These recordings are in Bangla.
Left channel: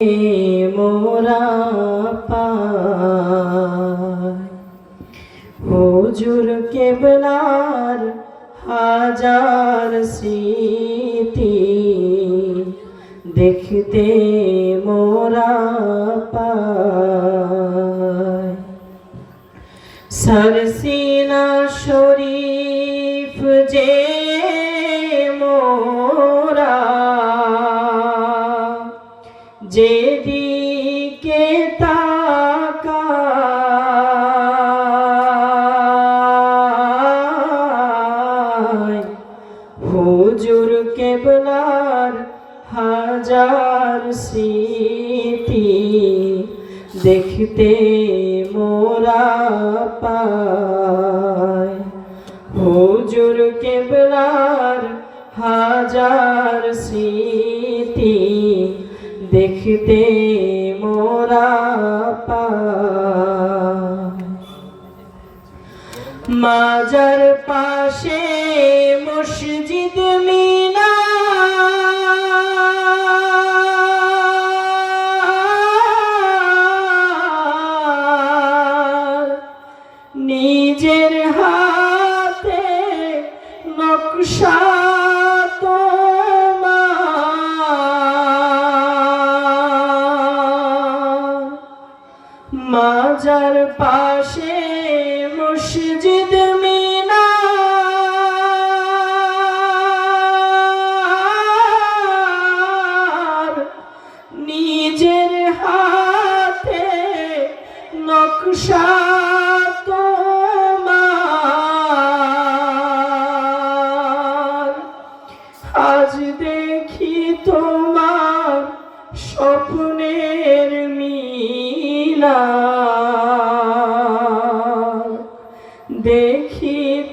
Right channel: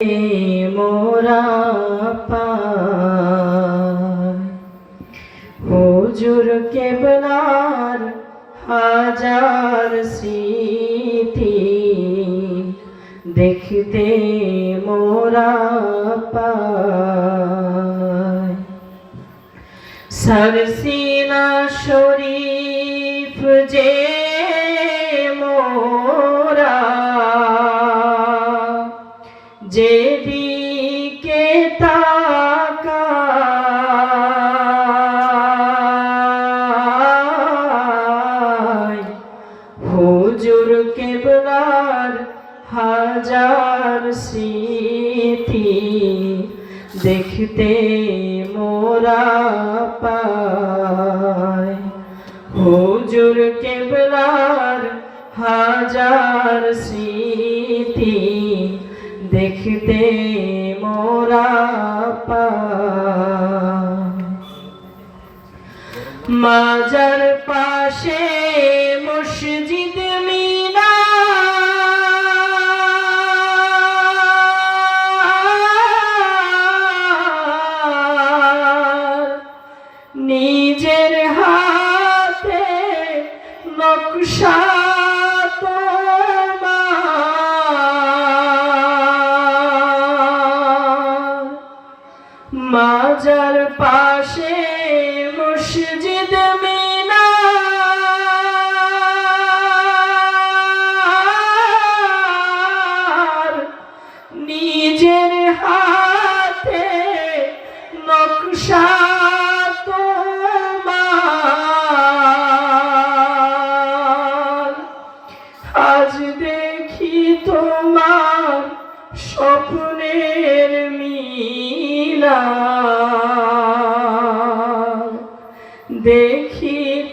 মোরা হুজুর কেবলার হাজার স্মৃতি দেখতে মোরা সরসিনা শরীফ যে যেদিকে তাকায় হুজুর কেবলার হাজার স্মৃতি দেখতে মোরা পায় দেখতে মোরা মাজার পাশে মসজিদ মিনা। নিজের হাতে নকশা মাজার পাশে মসজিদ মিনা। নিজের হাতে নকশা আজ দেখি তোমার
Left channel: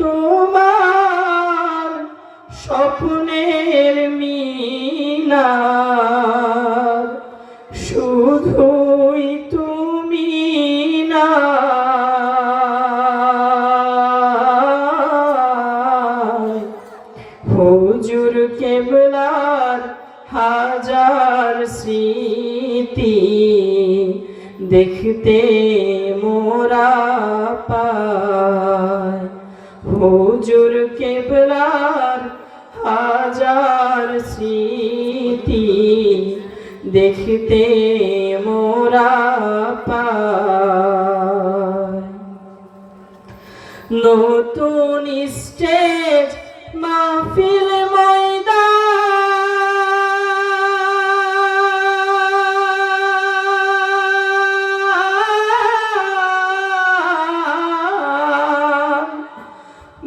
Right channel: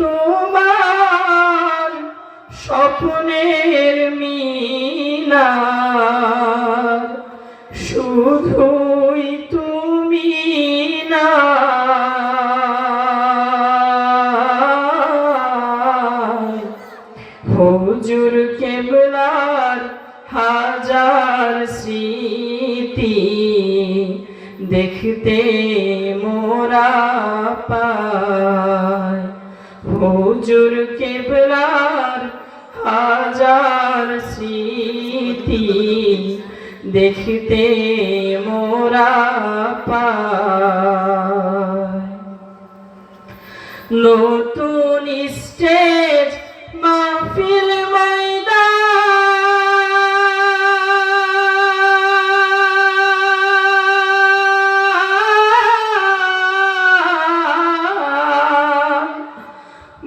তোমার স্বপ্নের মিলা শুধুই তুমি না। হুজুর কেবলার হাজার স্মৃতি দেখতে মোরা পায় হুজুর কেবলার হাজার স্মৃতি দেখতে মোরা পা নতুন স্টেজ মাহফিল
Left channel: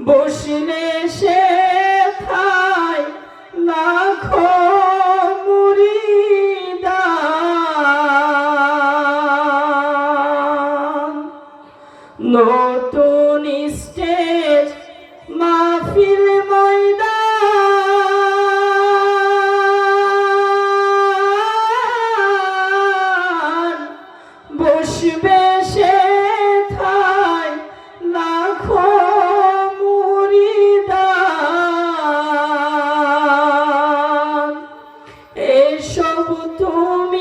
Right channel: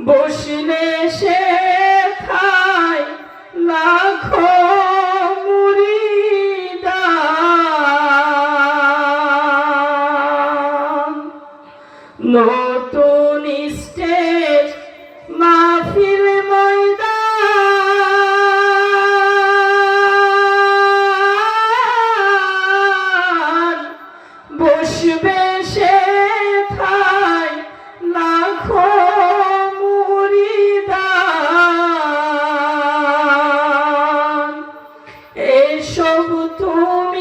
বসলে সে খায় লাখো মুরিদান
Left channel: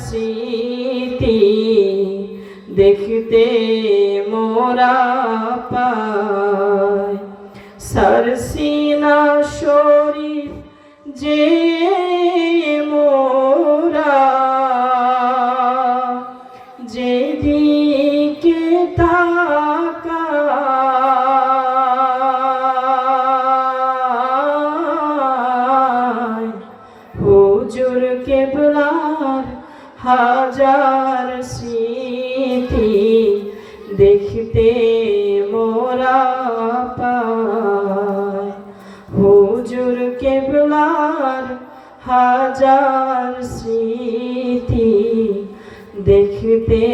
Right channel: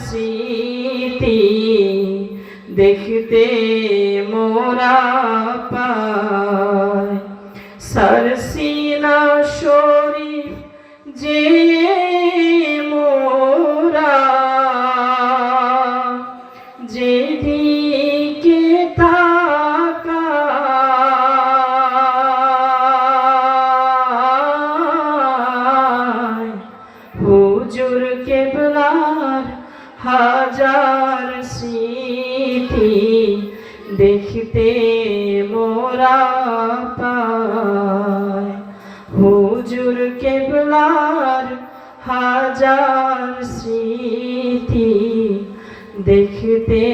স্মৃতি দেখতে মোরা পায় দেখতে মোরা হুজুর কেবলার হাজার স্মৃতি দেখতে